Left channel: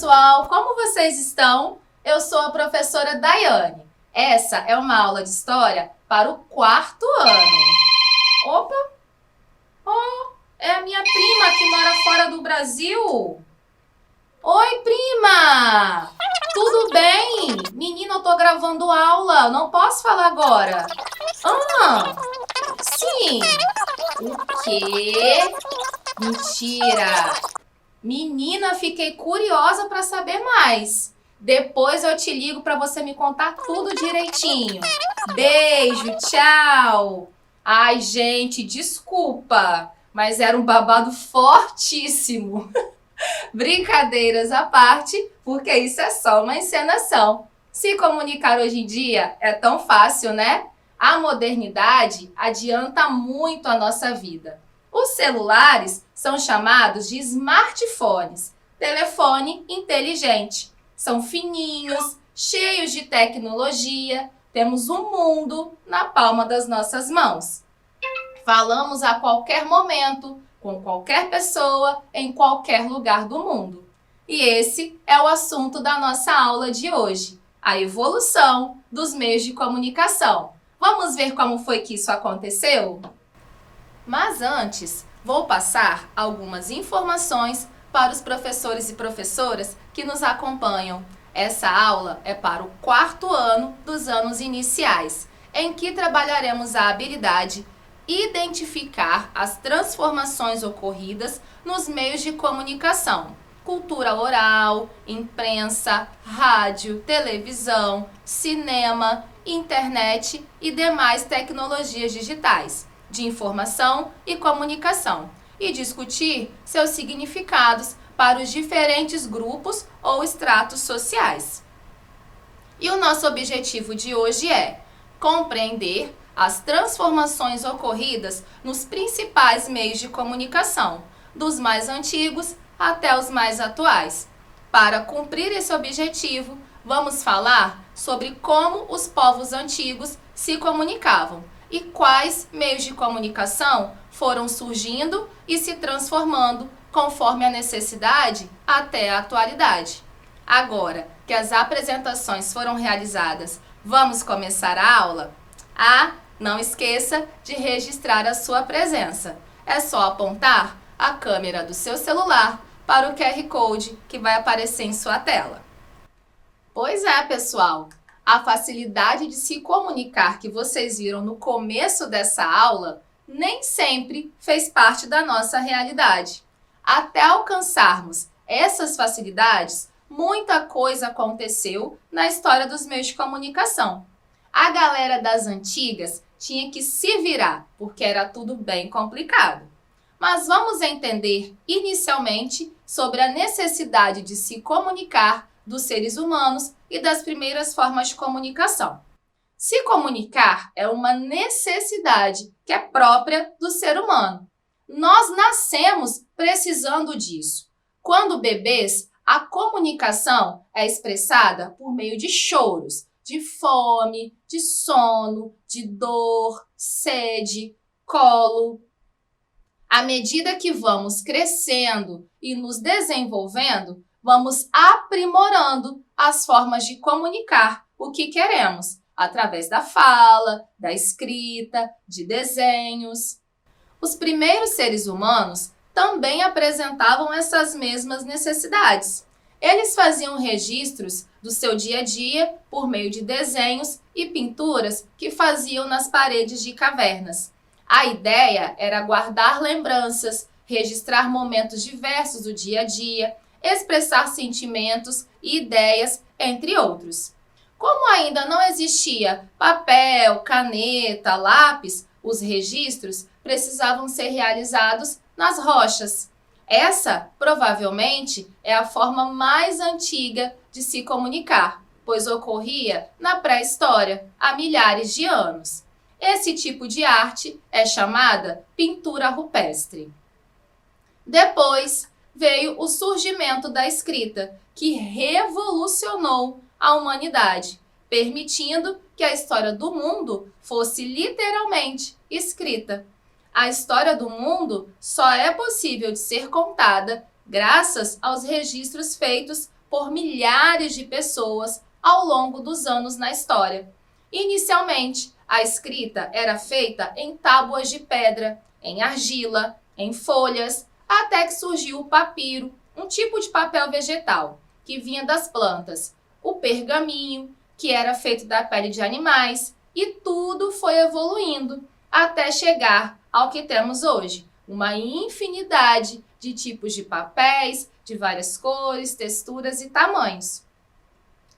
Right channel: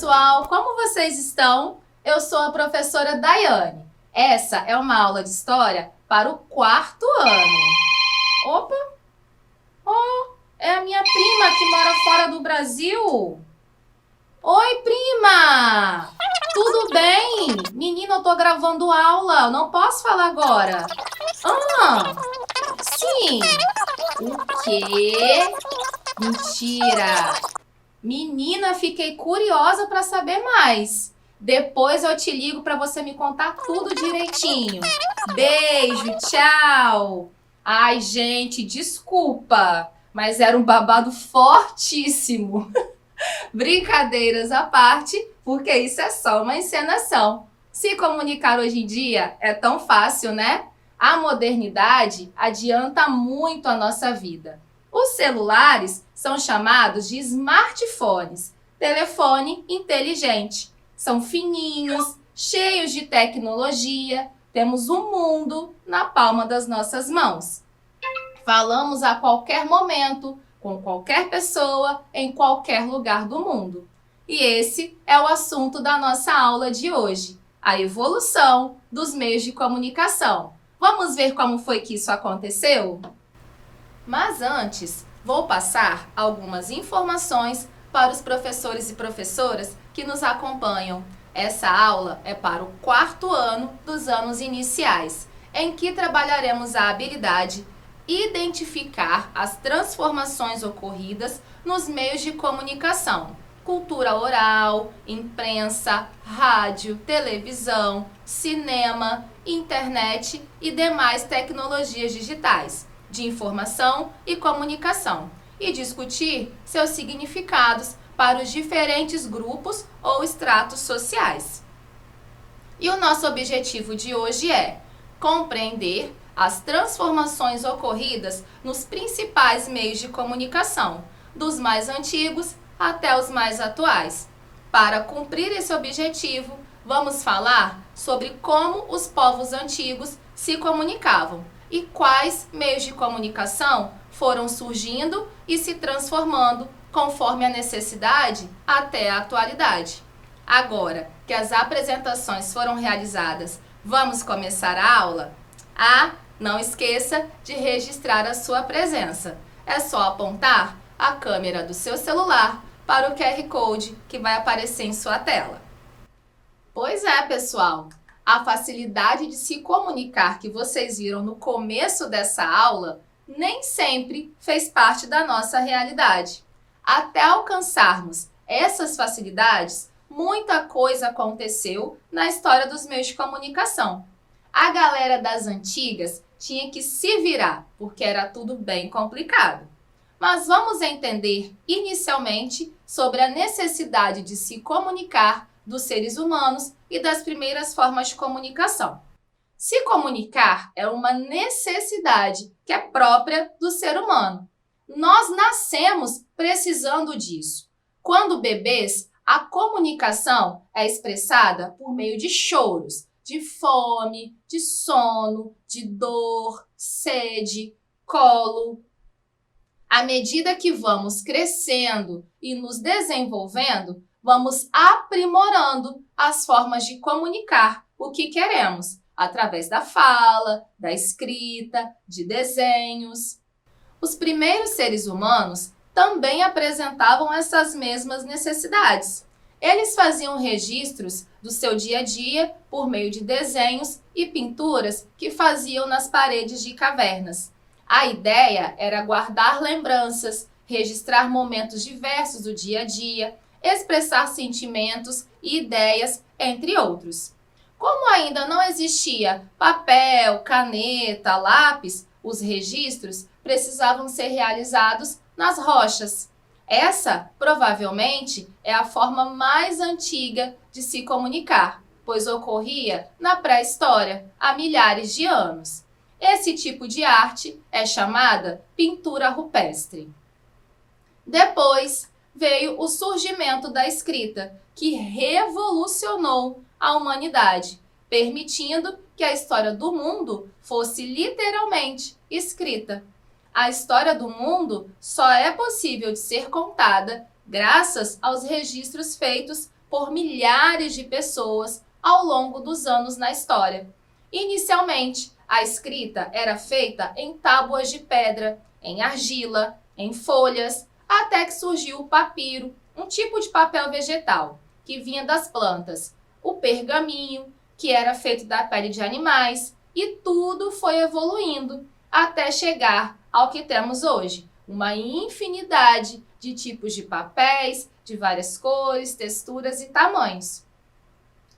pessoal! Como vocês estão? Eu sou a professora Daiane. Essa é uma aula de história para o quarto ano. Opa! Oh, é a minha prima que mora fora do Brasil. Oi, prima! Tudo bem? Menina, eu tô gravando aula, eu não posso falar agora. Ah, sim. O quê? Mentira! Menina, fiquei curiosa para saber mais. Depois eu te ligo para você me contar tudo direitinho. Beijo, tchau. Ai, gente, desculpa, mas era um babado fortíssimo. Brincadeiras à parte, porque isso é só uma encenação. Se comunicar hoje em dia é tão fácil, né? A modernidade adianta muito a nossa vida. Os celulares são chamados de smartphones, telefone inteligente. São fininhos, cheios de tecnologia, temos o mundo na palma das nossas mãos. Falamos a qualquer momento, com qualquer pessoa, em qualquer lugar do mundo. E esse é o assunto da nossa aula de hoje, a evolução dos meios de comunicação. Vamos ver como foi que isso aconteceu? Mas antes, vou passar algumas informações para os professores e professoras que nos acompanham. Essa aula é para o quarto ano dos anos iniciais, em que trabalharemos a habilidade identificar as transformações ocorridas nos meios de comunicação, cultura oral, imprensa, rádio, televisão, cinema, internet e demais tecnologias digitais de informação e comunicação, e discutir seus significados para os diferentes grupos ou estratos sociais. E o nosso objetivo de hoje é compreender as transformações ocorridas nos principais meios de comunicação, dos mais antigos até os mais atuais. Para cumprir esse objetivo, vamos falar sobre como os povos antigos se comunicavam e quais meios de comunicação foram surgindo e se transformando conforme a necessidade até a atualidade. Agora que as apresentações foram realizadas, vamos começar a aula? Não esqueça de registrar a sua presença. É só apontar a câmera do seu celular para o QR Code que vai aparecer em sua tela. Pois é, pessoal, a facilidade de se comunicar que vocês viram no começo dessa aula nem sempre fez parte da nossa realidade. Até alcançarmos essas facilidades, muita coisa aconteceu na história dos meios de comunicação. A galera das antigas tinha que se virar, porque era tudo bem complicado. Mas vamos entender inicialmente sobre a necessidade de se comunicar dos seres humanos e das primeiras formas de comunicação. Se comunicar é uma necessidade que é própria do ser humano. Nós nascemos precisando disso. Quando bebês, a comunicação é expressada por meio de choros, de fome, de sono, de dor, sede, colo. À medida que vamos crescendo e nos desenvolvendo, vamos aprimorando as formas de comunicar o que queremos, através da fala, da escrita, de desenhos. Os primeiros seres humanos também apresentavam essas mesmas necessidades. Eles faziam registros do seu dia a dia por meio de desenhos e pinturas que faziam nas paredes de cavernas. A ideia era guardar lembranças, registrar momentos diversos do dia a dia, expressar sentimentos e ideias, entre outros. Como ainda não existia papel, caneta, lápis, os registros precisavam ser realizados nas rochas. Essa, provavelmente, é a forma mais antiga de se comunicar, pois ocorria na pré-história, há milhares de anos. Esse tipo de arte é chamada pintura rupestre. Depois veio o surgimento da escrita, que revolucionou a humanidade, permitindo que a história do mundo fosse literalmente escrita. A história do mundo só é possível de ser contada graças aos registros feitos por milhares de pessoas ao longo dos anos na história. Inicialmente, a escrita era feita em tábuas de pedra, em argila, em folhas, até que surgiu o papiro, um tipo de papel vegetal, que vinha das plantas, o pergaminho, que era feito da pele de animais, e tudo foi evoluindo até chegar ao que temos hoje, uma infinidade de tipos de papéis, de várias cores, texturas e tamanhos.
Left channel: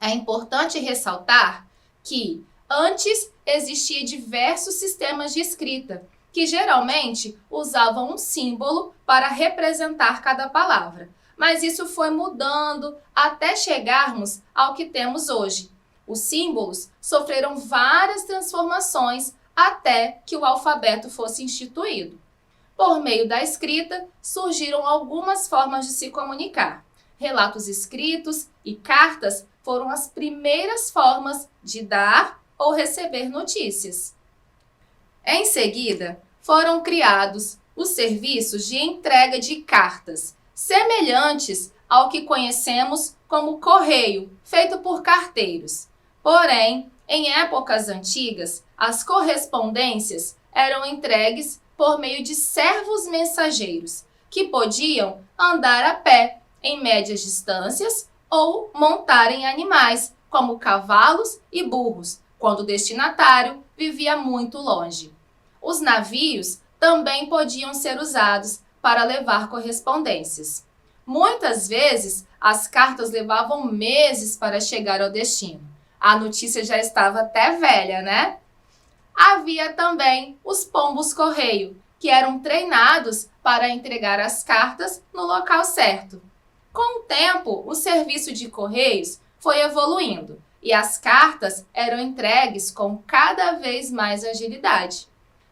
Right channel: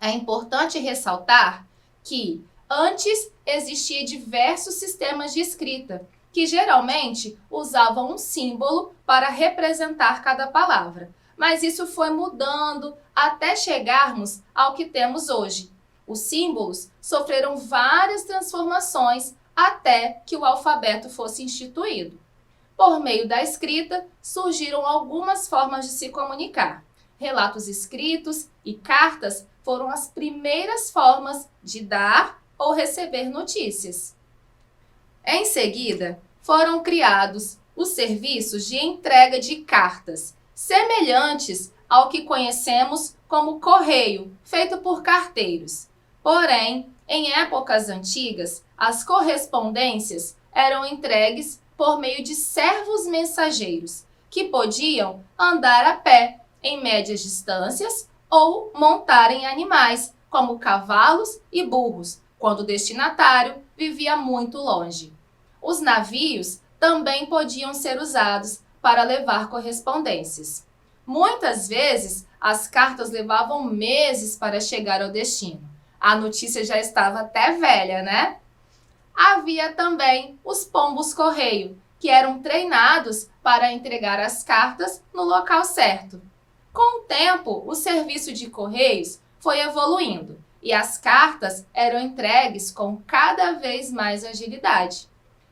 É importante ressaltar que antes existia diversos sistemas de escrita, que geralmente usavam um símbolo para representar cada palavra. Mas isso foi mudando até chegarmos ao que temos hoje. Os símbolos sofreram várias transformações até que o alfabeto fosse instituído. Por meio da escrita, surgiram algumas formas de se comunicar. Relatos escritos e cartas foram as primeiras formas de dar ou receber notícias. Em seguida, foram criados os serviços de entrega de cartas, semelhantes ao que conhecemos como correio, feito por carteiros. Porém, em épocas antigas, as correspondências eram entregues por meio de servos mensageiros, que podiam andar a pé em médias distâncias ou montar em animais, como cavalos e burros, quando o destinatário vivia muito longe. Os navios também podiam ser usados para levar correspondências. Muitas vezes, as cartas levavam meses para chegar ao destino. A notícia já estava até velha, né? Havia também os pombos-correio, que eram treinados para entregar as cartas no local certo. Com o tempo, o serviço de correios foi evoluindo e as cartas eram entregues com cada vez mais agilidade.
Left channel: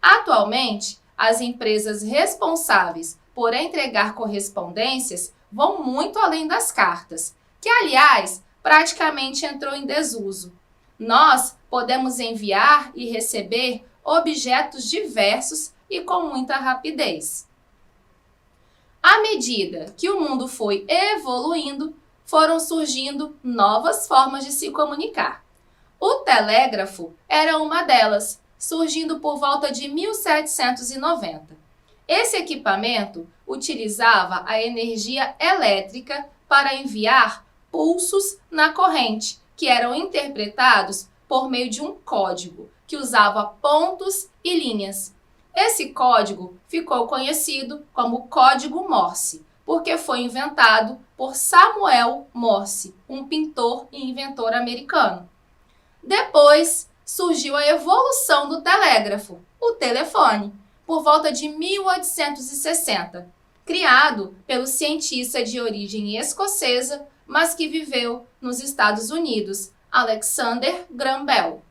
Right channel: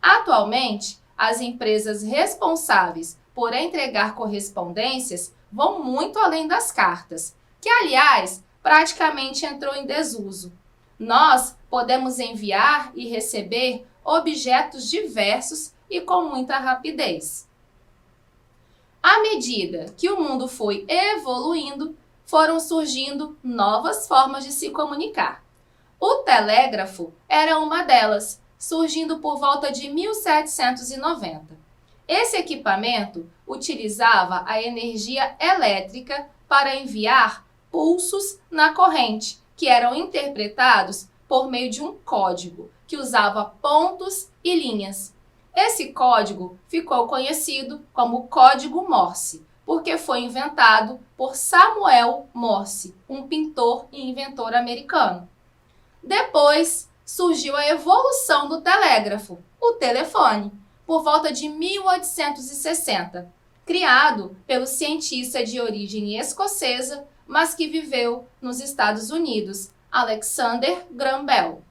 Atualmente, as empresas responsáveis por entregar correspondências vão muito além das cartas, que, aliás, praticamente entrou em desuso. Nós podemos enviar e receber objetos diversos e com muita rapidez. À medida que o mundo foi evoluindo, foram surgindo novas formas de se comunicar. O telégrafo era uma delas, surgindo por volta de 1790. Esse equipamento utilizava a energia elétrica para enviar pulsos na corrente, que eram interpretados por meio de um código, que usava pontos e linhas. Esse código ficou conhecido como Código Morse, porque foi inventado por Samuel Morse, um pintor e inventor americano. Depois surgiu a evolução do telégrafo, o telefone, por volta de 1860, criado pelo cientista de origem escocesa, mas que viveu nos Estados Unidos, Alexander Graham Bell.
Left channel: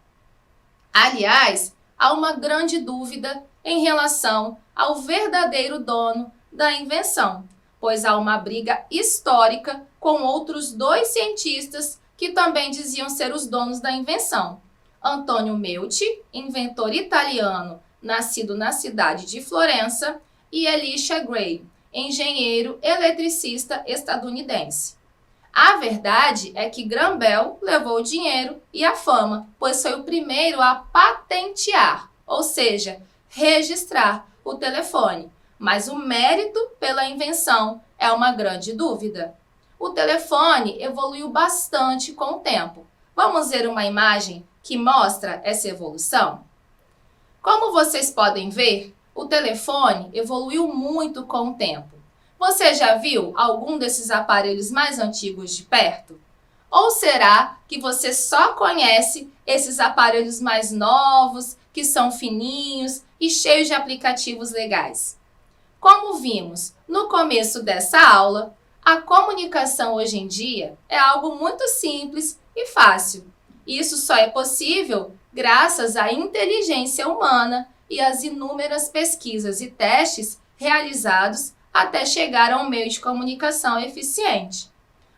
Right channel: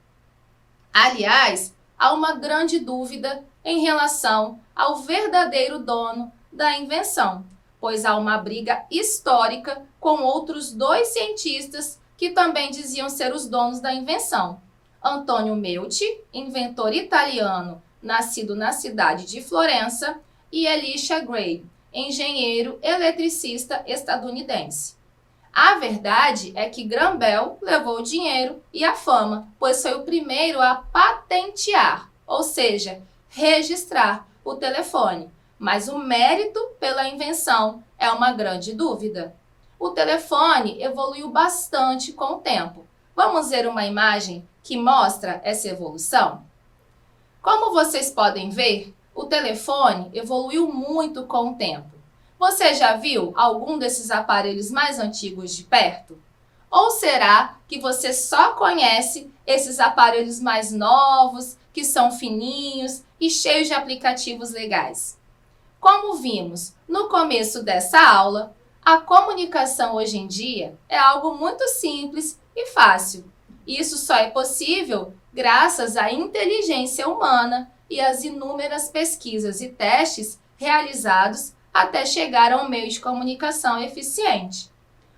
Aliás, há uma grande dúvida em relação ao verdadeiro dono da invenção, pois há uma briga histórica com outros dois cientistas que também diziam ser os donos da invenção. Antonio Meucci, inventor italiano, nascido na cidade de Florença, e Elisha Gray, engenheiro eletricista estadunidense. A verdade é que Graham Bell levou o dinheiro e a fama, pois foi o primeiro a patentear, ou seja, registrar o telefone. Mas o mérito pela invenção é uma grande dúvida. O telefone evoluiu bastante com o tempo. Vamos ver uma imagem que mostra essa evolução? Como vocês podem ver, o telefone evoluiu muito com o tempo. Você já viu algum desses aparelhos mais antigos de perto? Ou será que você só conhece esses aparelhos mais novos, que são fininhos e cheios de aplicativos legais? Como vimos no começo dessa aula, a comunicação hoje em dia é algo muito simples e fácil. Isso só é possível graças à inteligência humana e às inúmeras pesquisas e testes realizados até chegar a um meio de comunicação eficiente.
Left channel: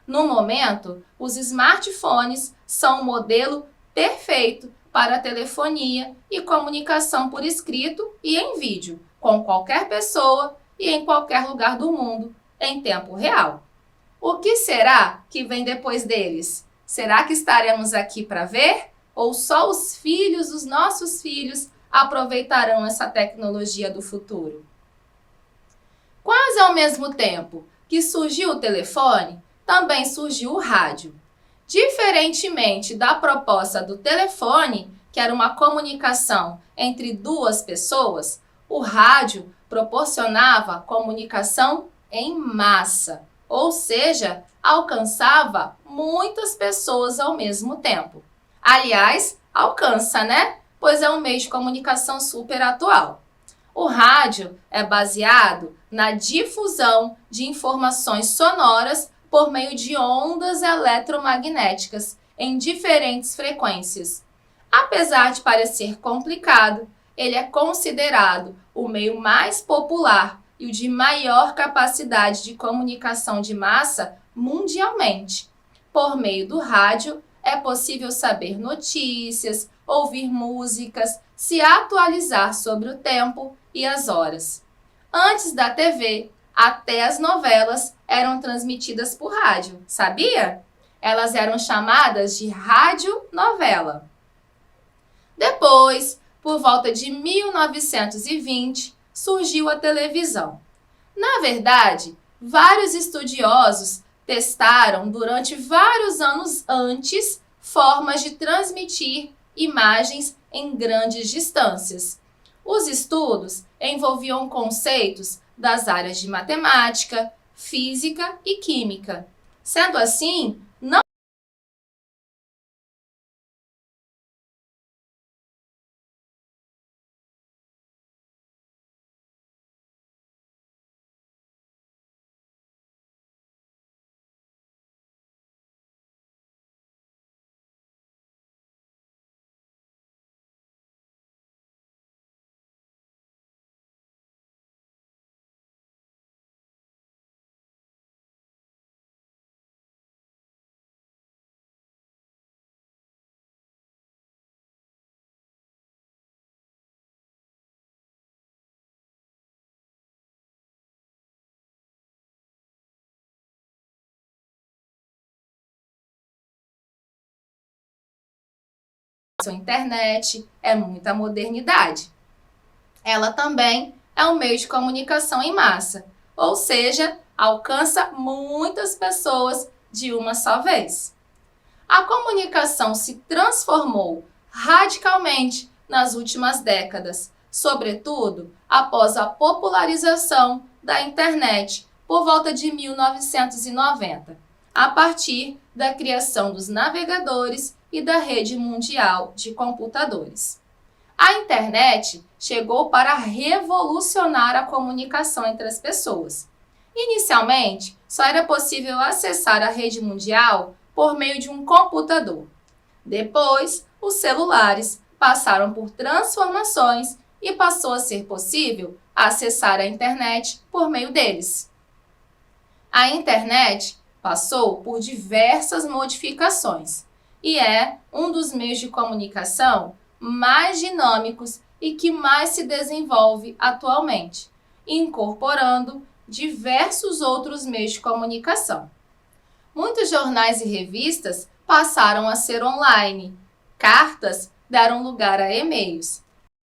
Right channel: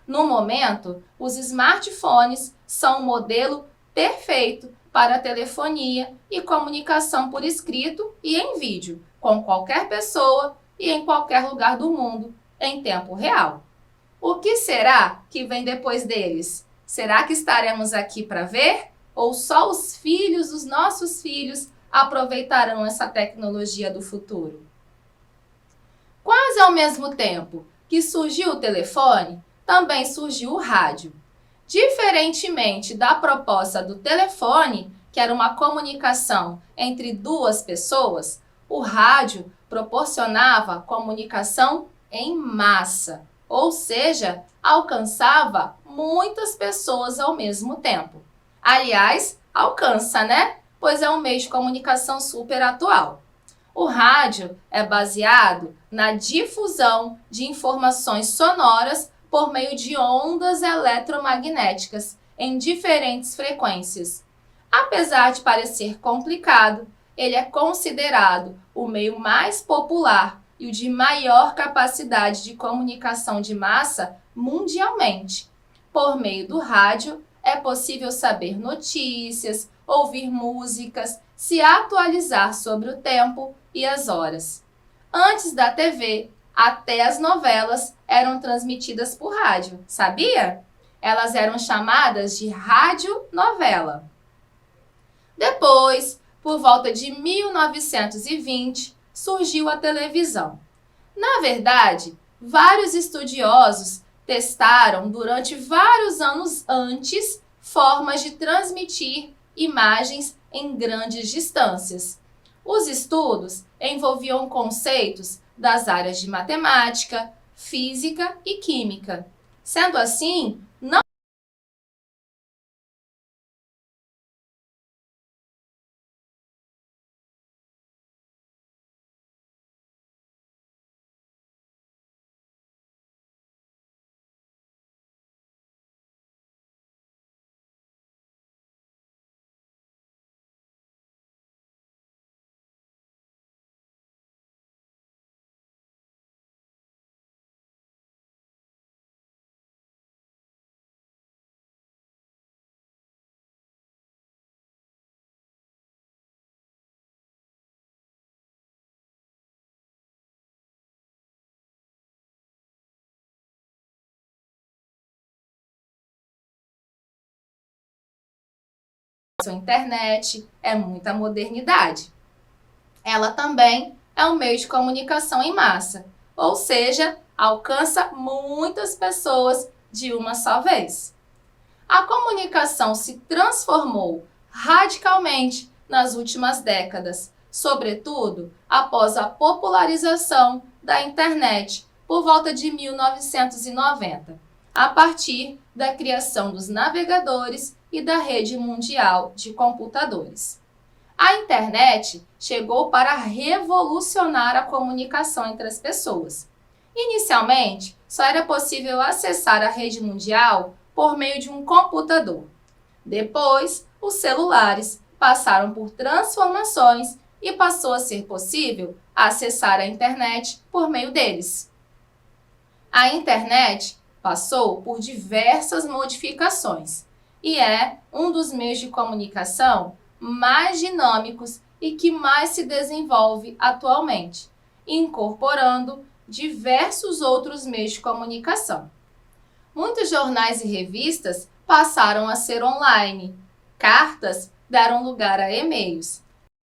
No momento, os smartphones são o modelo perfeito para telefonia e comunicação por escrito e em vídeo, com qualquer pessoa e em qualquer lugar do mundo, em tempo real. O que será que vem depois deles? Será que estaremos aqui para ver? Ou só os filhos, os nossos filhos, aproveitarão essa tecnologia do futuro? Quase ao mesmo tempo que surgiu o telefone, também surgiu o rádio. Diferentemente da proposta do telefone, que era uma comunicação entre duas pessoas, o rádio proporcionava comunicação em massa, ou seja, alcançava muitas pessoas ao mesmo tempo. Aliás, alcança, né? Pois é um meio de comunicação super atual. O rádio é baseado na difusão de informações sonoras por meio de ondas eletromagnéticas em diferentes frequências. Apesar de parecer complicado, ele é considerado o meio mais popular e o de maior capacidade de comunicação de massa mundialmente. Por meio do rádio, é possível saber notícias, ouvir músicas, se atualizar sobre o tempo e as horas. Antes da TV, até as novelas eram transmitidas por rádio, sabia? Elas eram chamadas de radionovela. Depois, por volta de 1920, surgiu a televisão. Na verdade, vários estudiosos testaram durante vários anos antes formas de transmitir imagens em grandes distâncias. Os estudos envolviam conceitos das áreas de matemática, física e química. Sendo assim, não a internet é muita modernidade. Ela também é um meio de comunicação em massa, ou seja, alcança muitas pessoas de uma só vez. A comunicação se transformou radicalmente nas últimas décadas, sobretudo após a popularização da internet por volta de 1990, a partir da criação dos navegadores e da rede mundial de computadores. A internet chegou para revolucionar a comunicação entre as pessoas. Inicialmente, só era possível acessar a rede mundial por meio de um computador. Depois, os celulares passaram por transformações e passou a ser possível acessar a internet por meio deles. A internet passou por diversas modificações e é um dos meios de comunicação mais dinâmicos e que mais se desenvolve atualmente, incorporando diversos outros meios de comunicação. Muitos jornais e revistas passaram a ser online. Cartas deram lugar a e-mails.